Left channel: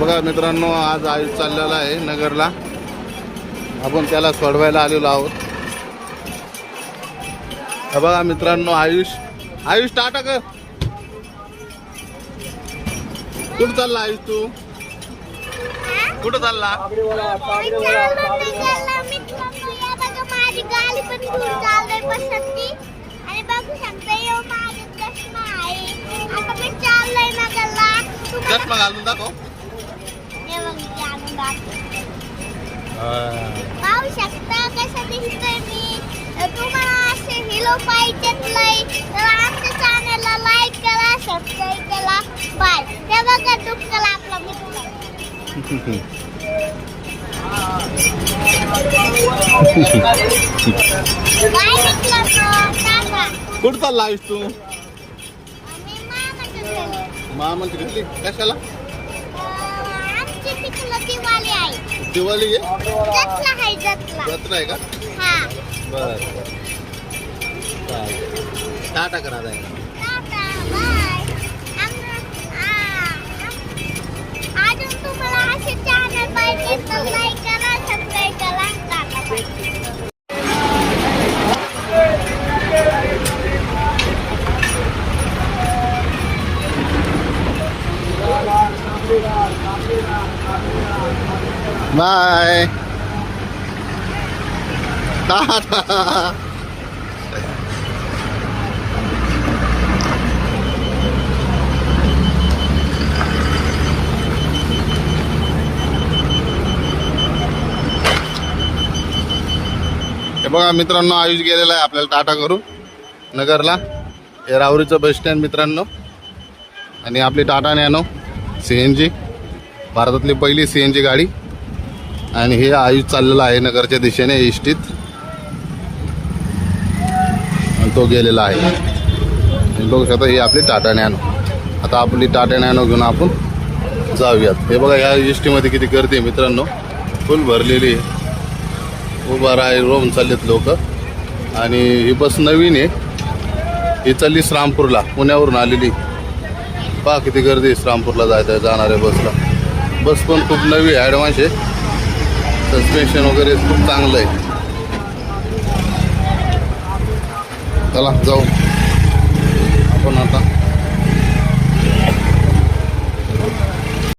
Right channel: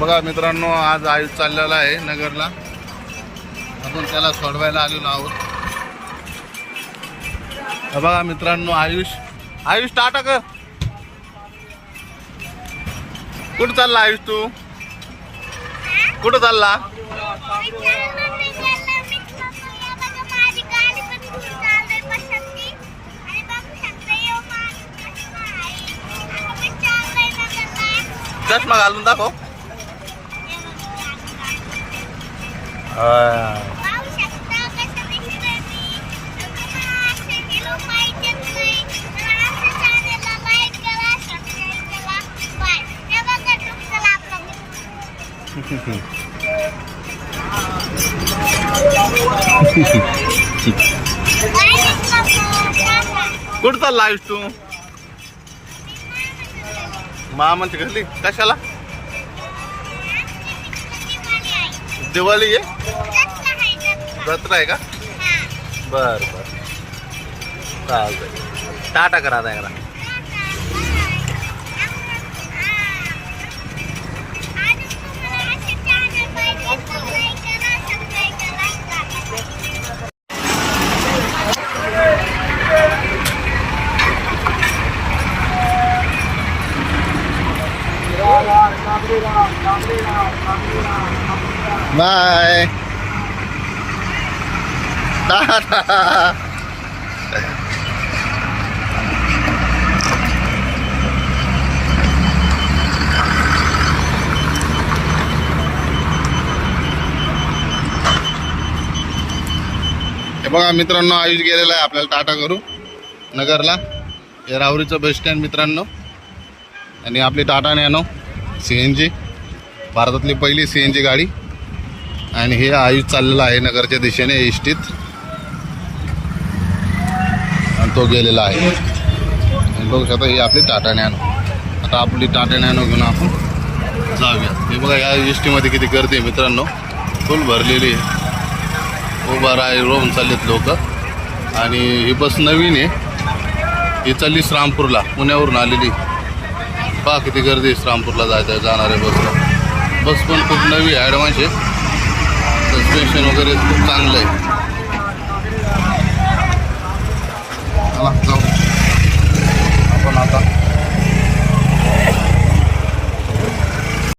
बघा मित्रांनो, आज आयुष चाललेला आहे नगरला. आपण त्याला सोडवायला आलेलो आहोत. बघा मित्रांनो, आयुष टाटा कर. कुठं चालला आयुष तू? कुठं चालला? चष्मा घालून दाखव. पाहू शकता कसं दिसतंय मी. तुम्हाला असे व्हिडिओ पाहिजे तर आमच्या चॅनलला लाईक करा, सबस्क्राईब करा. बाय. ते बघा डुक्कल आपला मित्र. बाय मित्रांनो. कुठं चालला आयुष तू? मामाची घरी कशाला? दिवाळी आहे? जत्रा आहे का? बर बर, चालतंय. टाटा करा आता एकदा. बाय. टाटा. हे बघा मित्रांनो, आयुष गेलेला आहे आपल्याला टाटा करू नगरला. हे राहुरीचं बस स्टँड मित्रांनो. आणि आपली टाटा नॅनो CNG, भारतातली पहिली CNG गाडी. आणि हे आयुष चाललेला आहे नगरच्या दिशेने इष्टीत, आणि तो गेलेला आहे. बघू शकता, ही आपली टाटा नॅनो. आता आपली टाटा नॅनो घेऊन आपण जाऊयात. हे बघा, या इष्टीमध्ये किती गर्दी आहे मित्रांनो, फुल भरलेली आहे. उभा राही रोवून चाललेत लोक. आणि ही बस नवीन आहे, ही चालली श्रामपूरला, पुण्यावरून आलेली. पहा किती गर्दी आहे श्रामपूरला जाणाऱ्या बसला. बस पण खूप नवी आहे, ॲडव्हान्स आहे. सस्पेन्शन वगैरे खूप चांगलं आहे. चला जाऊ आपण आता.